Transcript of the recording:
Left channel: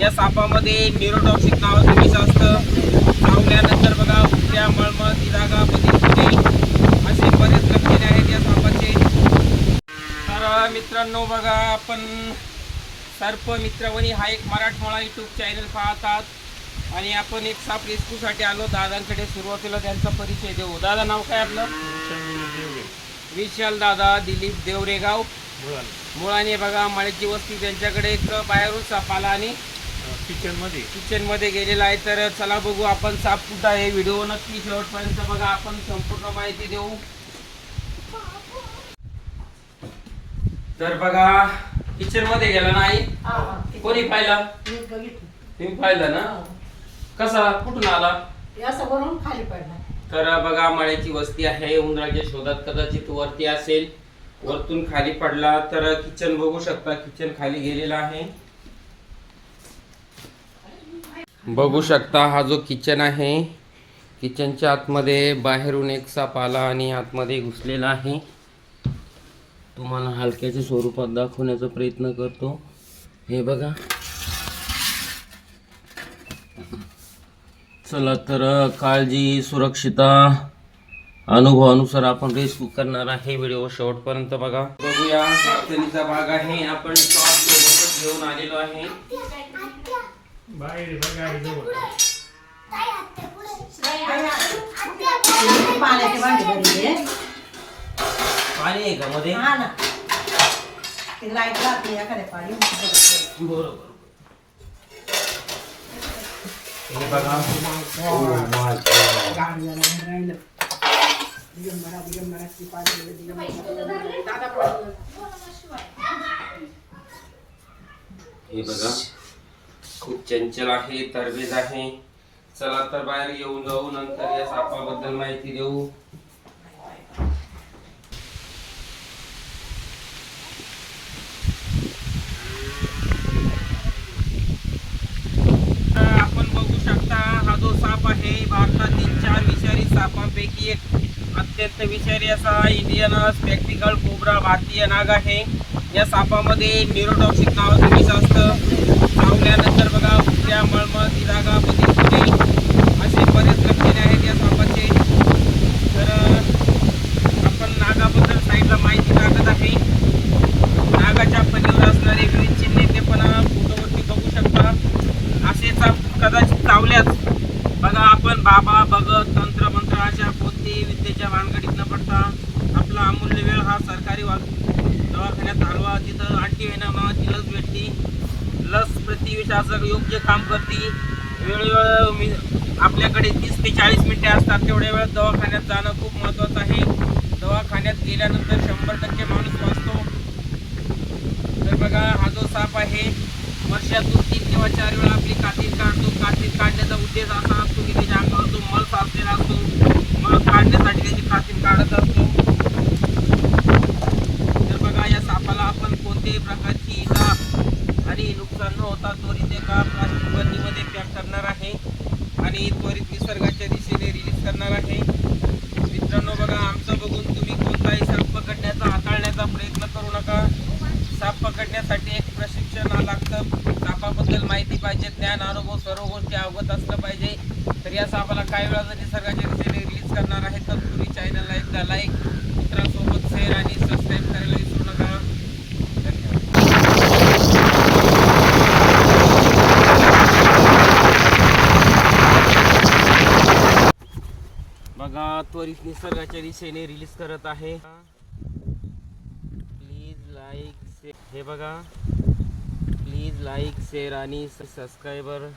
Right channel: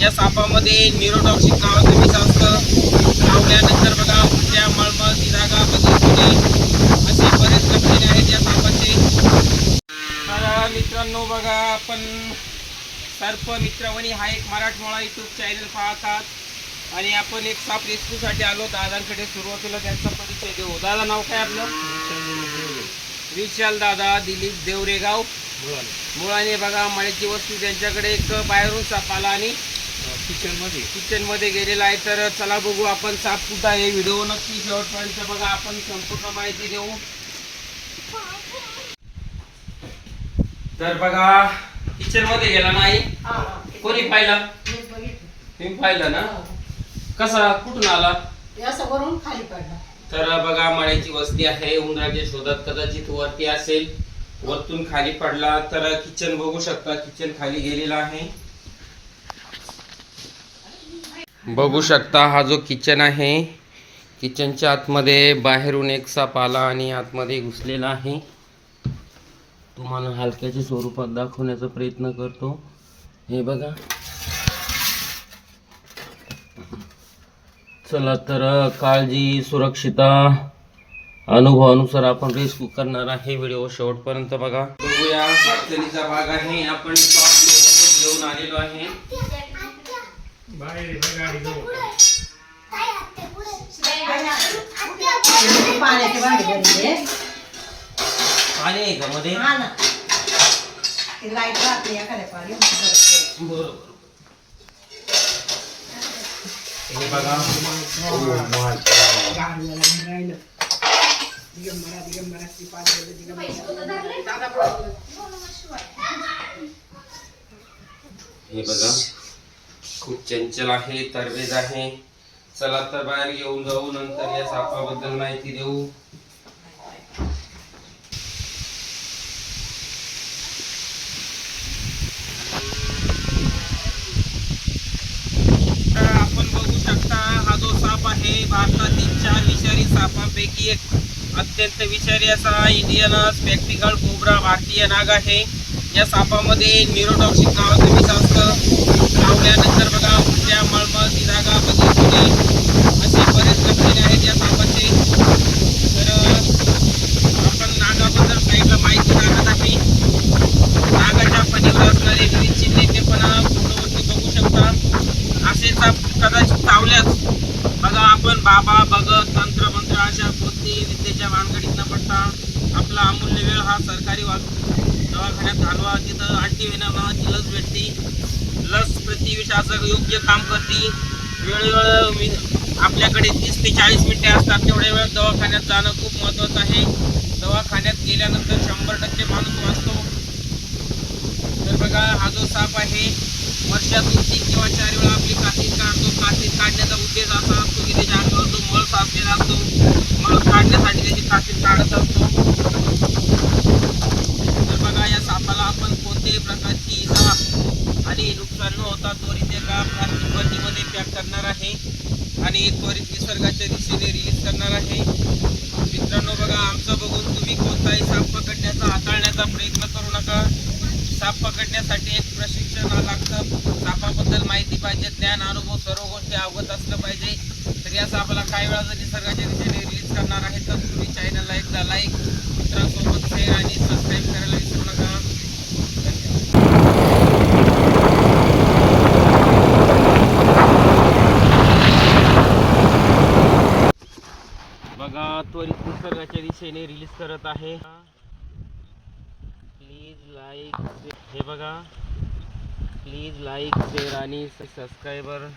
या सापामध्ये न्यूरोटॉक्सिक नावाचं विष असतं चावल्यानंतर बघा उलट्या मळमळ दिरागा बदल असे बरेच लक्षणे आहेत या सापाचे. तर मित्रांनो बघा आपण सर्प मित्रवणी हा एक मराठमोळा यूट्यूब चॅनल पाहतात. आणि आपण एक साप रेस्क्यूसाठी आलो. दादांकडे सुरुवातीला त्यांचा परिचय देऊ. दादा नाव काय आपलं? विशाल दादा दिलीप देवरेगाव. मुळाने बघा मळ्याची वस्तू त्यांच्याकडे एक बाहेरून साप आला आणि किचनमध्ये. किचनमध्ये गेलेला आहे तर चला बघू आपण साप कुठं आहे. व्हिडिओ नक्की शेवटपर्यंत बघा. आपण संपूर्ण माहिती देऊ. तर बघा किचनमध्ये गेला नाही. कोणी पाहिला? तुम्ही पाहिलं ना? कसा? कुठून आला? वरून खाली पडला तर बघा मळ्याची वस्ती आहे. उंदराच्या शोधात कदाचित वरती असेल. वरतून खाली पडला तर किचन बघू शकता. किचन खाली गेलेला आहे. बघू शकता हा जो किचन आहे किचनच्या आतमध्ये बाहेरून एक साप आला आणि आतमध्ये घुसलेला आहे. तुम्हाला हलक्याच्या स्वरूपात दाखवण्याचा प्रयत्न करतो. हे बघा. चला तर काळजी सुरक्षिता अनुभवानुसार आपण रेस्क्यू करणार आहे. व्हिडिओ शेवटपर्यंत बघा. बघूया. भाग आहे. आपण घेऊन आलेलो आहे. बाहेर गाडी जवळ पाण्याचे भांडे भरले पाणी आहे का मध्ये? हा ना. ते लाइट राहते एखाद्या पाणी बरोबर. हे बघा. राहिलं दिगंबरा दिगंबराची पाणी दिगंबरा हे बघा. खूप चंचल आहे तरबेज आहे चला तर बाहेर येऊन जाऊ नंतर या सापाबद्दल माहिती देऊ. तर आपण बघू शकता हा जो साप आहे भारतातील चार विषारी सापांपैकी एक. अत्यंत विषारी असा इंडियन स्पेक्टिकल कोबरा भारतीय नाग आहे. या सापामध्ये न्यूरोटॉक्सिक नावाचं विष असतं लावल्यानंतर बघा उलट्या मळमळ दिरागा बदल असे बरेच लक्षणे आहेत या सापाचे. तर आपण नागाबद्दल साईडला माहिती सांगत आहे. नागाच्या पलीकडे असणारे विविध चिन्हे ते पण फोटोवरती बघू शकता. असे साप कदाचित चावल्यास बघा आपण बाबा भगत तंत्र मंत्र अशा कोणती विद्येच्या भानगडीत न पडता आपला अमूल्य वेळ हा सरकारी वाहतूक दवाखान्यात घालवा तिथं अँटीव्हेनम नावाची लस भेटते. लस प्रतिविषाचं योग्य काम करते. वेळोवेळ मी आपल्याकडे तीस ते चाळीस मिनिटे असतात. तेवढ्या वेळ दवाखान्यात जाणं खूप महत्त्वाचं आहे. दवाखान्यात गेल्यानंतर शंभर टक्के माणूस वाचतो. तर बघा हा जो साप आहे वर्षातून तीन किंवा चार वेळा आपली कातीत काढतो. कातीत काढण्याचा उद्देश असा असतो की त्याच्या अंगावर तो मळ साचलेला असतो मळ काढण्यासाठी त्याची कातीत काढत असतो तर बघा या सापाला आपण कोणत्याही प्रकारची इजा आणि नुकसान न होता त्वरित एका प्लास्टिक बंदीमध्ये पॅक करणार आहे. आणि त्वरित निसर्गाच्या दिशेने रिलीज करणार आहे. मित्रांनो बघा आमचं बघून तुम्ही कोणताही साप पकडण्याचा हाताळण्याचा प्रयत्न करू नका. साप पकडण्यासाठी एक प्रशिक्षण लागतं. सापाबद्दल माहिती पाहिजे ज्ञान अनुभव सर्व गोष्टी अवगत असलं पाहिजे. तर या सापाला काही वेळा जर निसर्गाच्या दिशेने रिलीज करणार आहे तर तुम्ही चॅनलला एकदा लाईक मित्रांसोबत शेअर आणि सबस्क्राईब करायला बघा त्वरित निसर्गाच्या दिशेने रिलीज करत आहे. प्लीज लाईक हे बघा. प्लीज लाईक शेअर आणि सबस्क्रायबर